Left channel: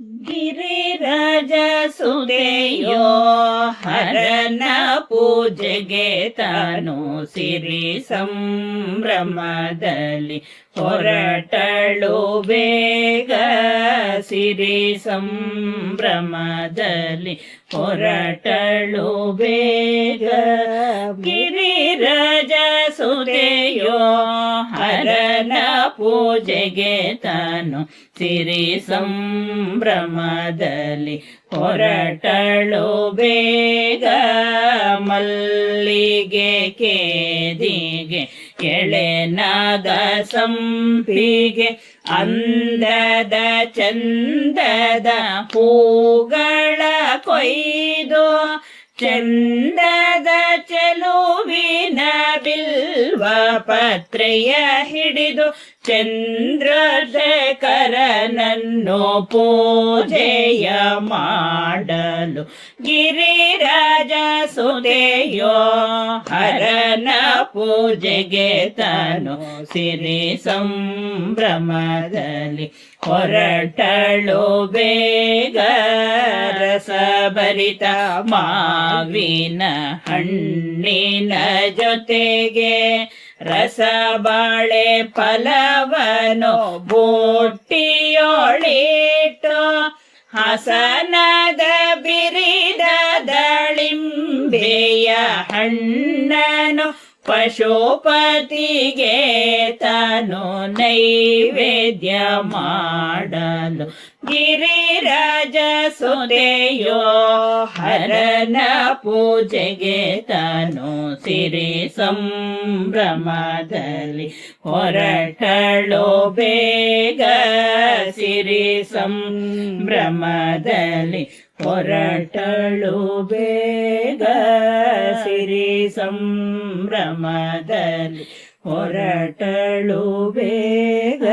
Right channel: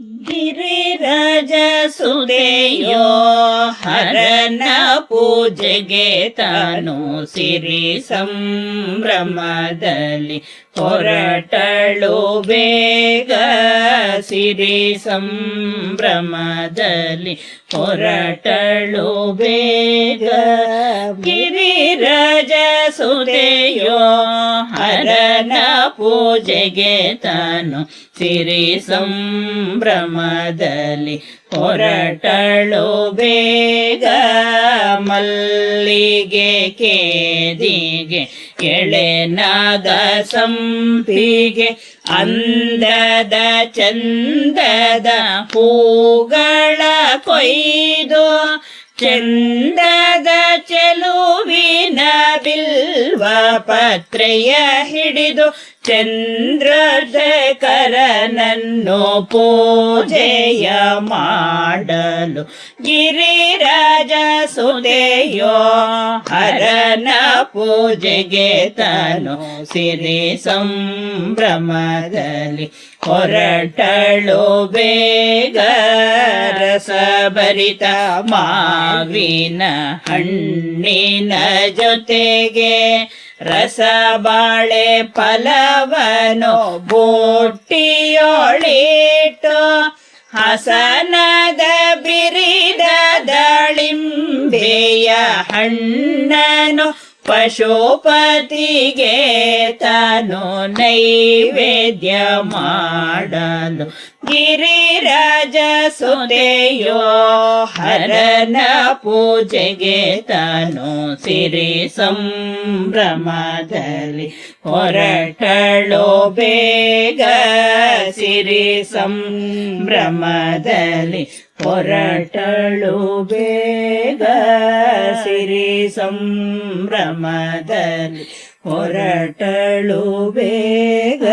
ಗಿರಿರಾಜ ಸುದೆಯೋ ಹರನ ಪೂಜೆಗೆ ತಾನು ಸಿರಿ ಸಂಭ್ರಮದಲ್ಲಿ ಹೊರಟಳು ಬೇಗ. ಸಿರಿ ಸಂಭ್ರಮದಲ್ಲಿ ಹೊರಟಳು ಬೇಗ. ಗಿರಿರಾಜ ಸುದೆಯೋ ಹರನ ಪೂಜೆಗೆ ತಾನು ಸಿರಿ ಸಂಭ್ರಮದಲ್ಲಿ ಹೊರಟಳು ಬೇಗ. ಮಲ್ಲಿಗೆ ಕೇದಿಗೆ ಎಳೆನಾದ ಸಂಪಿಗೆ ಅಂದದ ಚಂದದ ಹೂಗಳ ಕೊಯ್ದು ಚಂದದ ಚೆಲುವಿನ ಬಿಲ್ವ ಪತ್ರೆಯ ಹಿಡಿದು ಚಂದ್ರಶೇಖರನನ್ನು ಪೂಜೆಯ ಮಾಡಲು ಗಿರಿರಾಜ ಸುದೆಯೋ ಹರನ ಪೂಜೆಗೆ ತಾನು ಸಿರಿ ಸಂಭ್ರಮದಲ್ಲಿ ಹೊರಟಳು ಬೇಗ. ರಸಭರಿತ ಮಾವಿನ ಹಣ್ಣಿನ ಜೊತೆಗೆ ರಸಬಾಳೆ ಫಲವನು ಬುಟ್ಟಿಯೊಳಿಟ್ಟು ಹಸನದ ಬಿರಿದ ದಾಳಿಂಬೆಯ ಹಣ್ಣನು ಪಶುಪತಿಗೆ ತಾನು ನೈವೇದ್ಯ ಮಾಡಲು ಗಿರಿರಾಜ ಸುದೆಯೋ ಹರನ ಪೂಜೆಗೆ ತಾನು ಸಿರಿ ಸಂಭ್ರಮದಲ್ಲಿ ಹೊರಟಳು ಬೇಗ. ಸಿರಿ ಸಂಭ್ರಮದಲ್ಲಿ ಹೊರಟಳು ಬೇಗ. ಸಿರಿ ಸಂಭ್ರಮದಲ್ಲಿ ಹೊರಟಳು ಬೇಗ.